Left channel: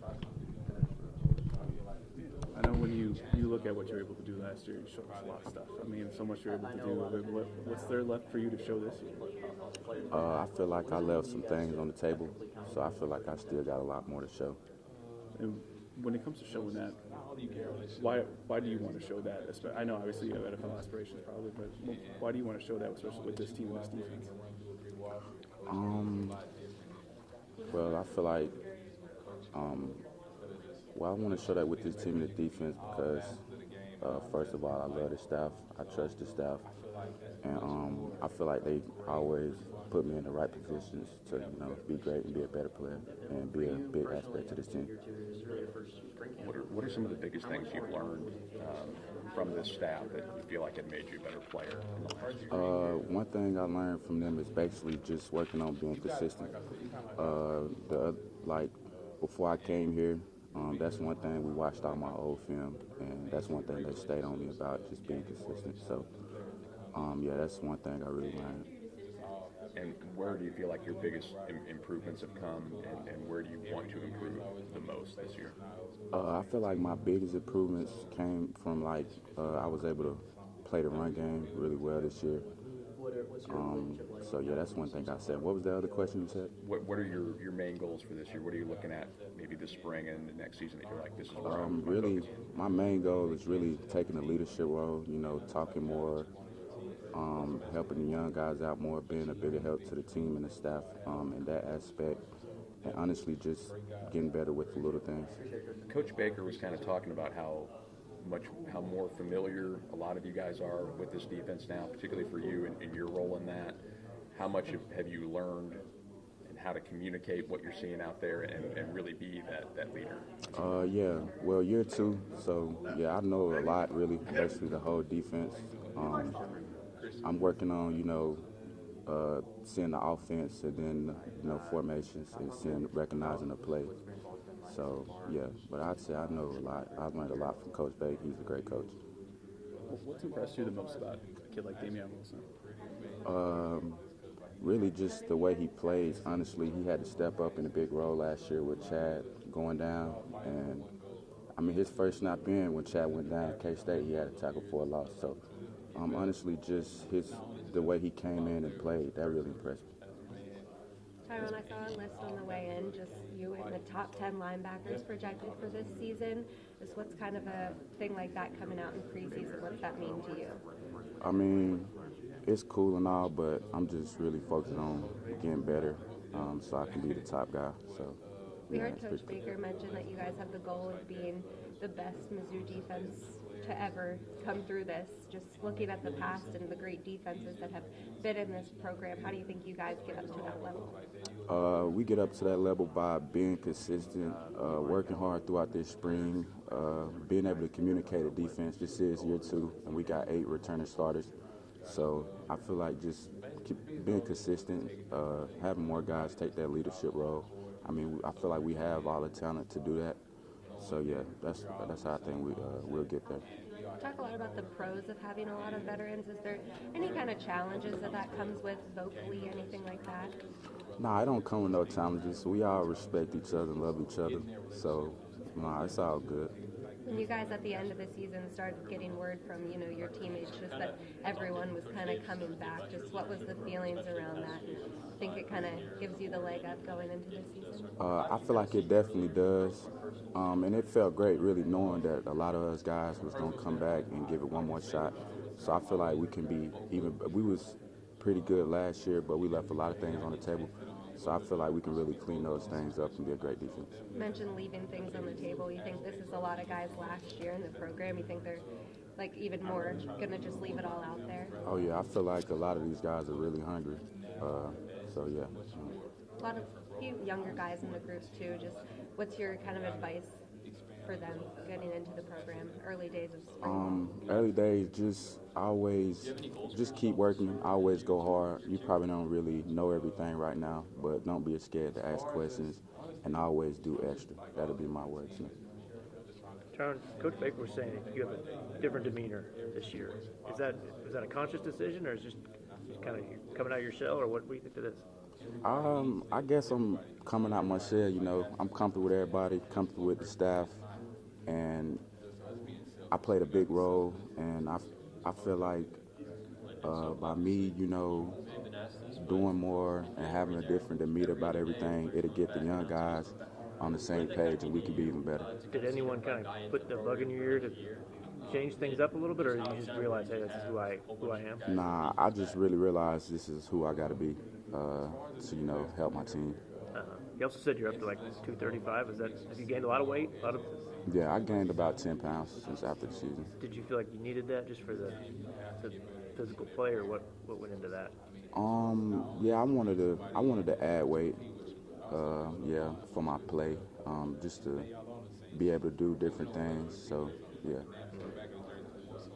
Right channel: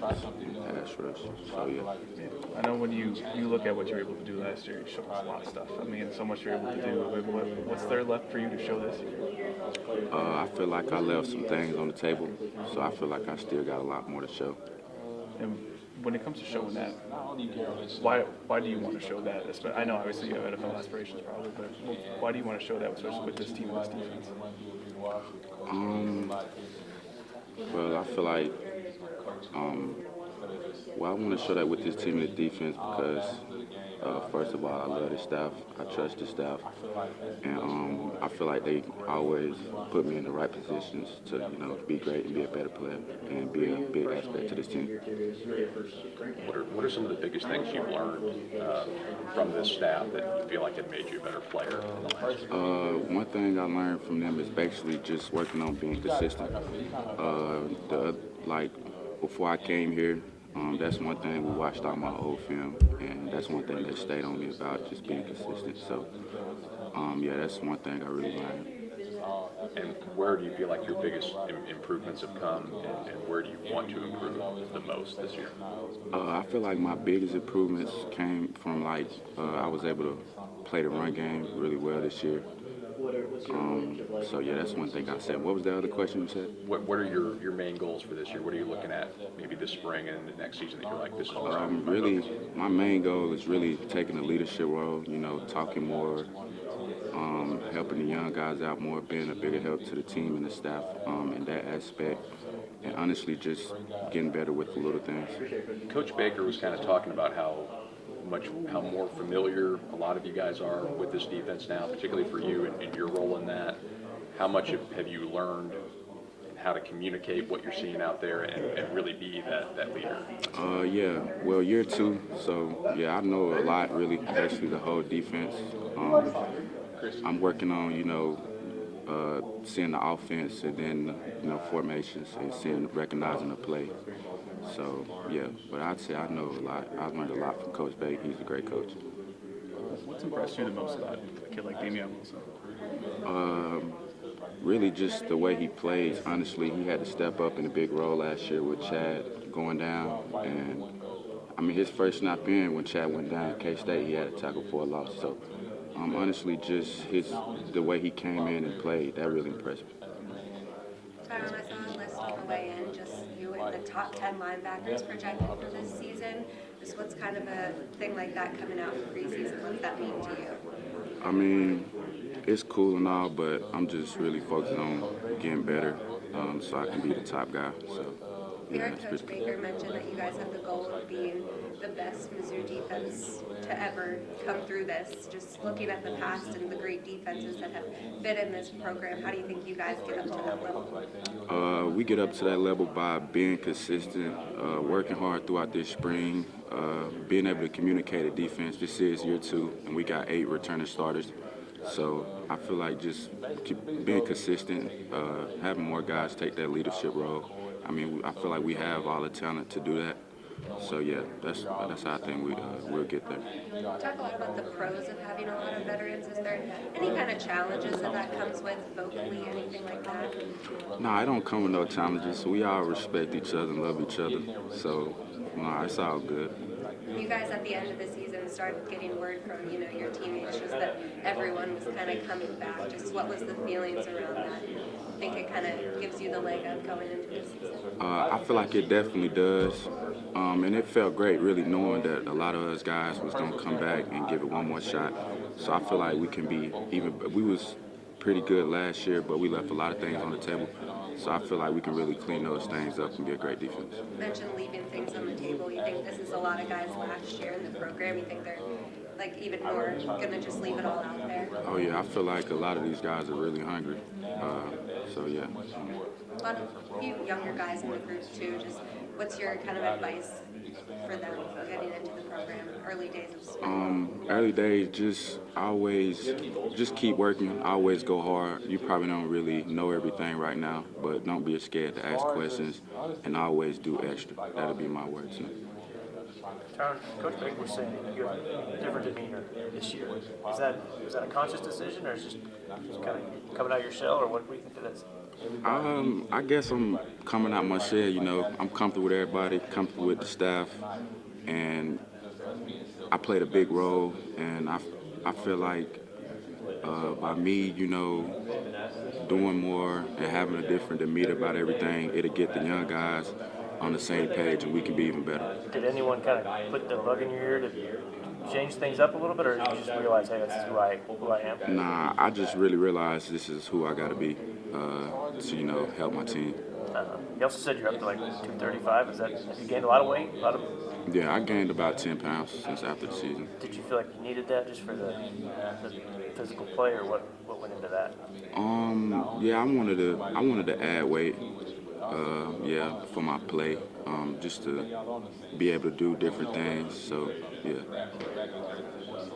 pass rush. So yeah. I know when you look at what you were able to do last year, you showed us a lot of stuff. I mean, so much you're able to do. What's there left for you to show this year? I feel like I left some things on the table, so I feel like I still got a lot more to show. And when it comes to showing that, why do you want to show that? I know obviously you have NFL aspirations probably, but why do you want to show that, especially with this team and this defense? Um, well, I feel like um, I want to show that with this team and the defense because, first of all, I love the staff. I trust the staff, and I feel like they always put me in the right positions to, be great and be a better player and be a big aspect to this team. What are some of the biggest things you've learned from this staff that you feel like have made you a better player? One thing I learned from them is basically just working on being consistent. Like before I came here, that's one thing we watched all my old film, and that's one thing that stayed on me about just being consistent. So, yeah, that's one thing I really learned. And where do you feel like your biggest improvements have come, and where do you want to improve the most this year? I feel like my biggest improvements came from I was able to play the run game really well this year. So yeah, that's one thing I said. What was the other question you said? What are your main goals for this year? What are you looking at maybe this spring and the next season that you're like, this is Really, my main goal is really taking a leadership role, talking more, helping the young guys out more, being a bigger help to the team and the staff in that aspect, and honestly just getting better with the little things. Coach Baker was kind of talking about how more familiar a lot of you guys are with this defense now, particularly for you and your role in that. How much have you learned how to communicate what you're seeing out there and really be that leader? Yeah, well, year two, so yeah, I know a lot really, actually the whole defense. I'm working on, seeing the offense and then, formations and recognizing the play. So, yeah, but I'd say I know a lot. I learned a lot from Coach Baker. He's a great coach. What's impressed you the most about a kid like Damian Wilson? Really just the way he plays. Honestly, he had to step up in a big role last year with Chad going down. And, I mean, his first snap in when Chad went down at K-State, he had a tackle for a loss. So, honestly, just the way he came in and played, that really impressed me. Tyron, I saw a list on the way in, just you in the top 10 linebackers projected for this season. Just what's kind of a thing like that coming out in preseason? What's that mean to you? I mean, it's cool and all, but I'm just really focused on getting better so I can be the top guy. So, We heard Coach Baker mention that you guys have the goal of being the best Mizzou defense to ever come through this. Just looking at the past and the great defenses that have been in this program, how do you think you guys get up to that level? We get up to that level by being consistent, working hard throughout this spring, being able to communicate a defense. This is year two, and we got 8 returning starters. So I feel like just being consistent, having more guys take that leadership role. I mean, I feel like we have all the talent to do that. So yeah, that's how I think we'll get there. Talk a lot about the pros of having a lot of veterans. Is there any kind of challenges that comes with vocally, anything like that? No, I don't come with no challenges. We all respect each other and love each other. So no, it's all good. You guys at the end of the season start getting word from your teammates just that everyone was kind of coming back. Just what was the feelings around that? I think it kind of gives you the leg up going into the season. I feel like it definitely does, and it felt great really knowing that a lot of us guys was gonna come back and give it one more shot. So I feel like we can be even. We was pretty good last year, but we left a lot of things on the table. So I feel like we can really clean those things up and be a great defense. You mentioned leaving things on the table. You think this is a lot of guys last year in the program? You think they're like even more going to just leave it all out there? Oh yeah, I feel like a lot of these guys are really hungry. So yeah. A lot of few younger guys in the group too. Just what's your kind of advice for them getting into the program? Early days of spring? Early days, just keep working. Always go hard. You probably don't really know everything right now, but don't be scared to ask questions and always do extra. That'll be my words. Tyron, Coach Baker was saying you have a different demeanor this year. Was that a conscious decision, or is it just kind of coming out of your shell, or what do you think that is? I guess I'm coming out my shell, you know. I'm comfortable with everybody, comfortable with the staff, and I played a big role, and I feel like by me, you know, doing more and having a different demeanor about everything, it'll get the young guys on the same page, and we can be even better. Did anyone kind of put the bug in your ear to change things up a little bit, or did you just realize, hey, this is who I am? Nah, I just really realized this is who I got to be to, you know, help my team. You also said you're up to like 235. Have you gained a lot of weight? Yeah, I gained about 10 pounds since after the season. Did you feel like you needed that just for the physical play, or what went into that? Yeah, I wanted to add weight, yeah, for my play, just to be able to do different things. So, yeah.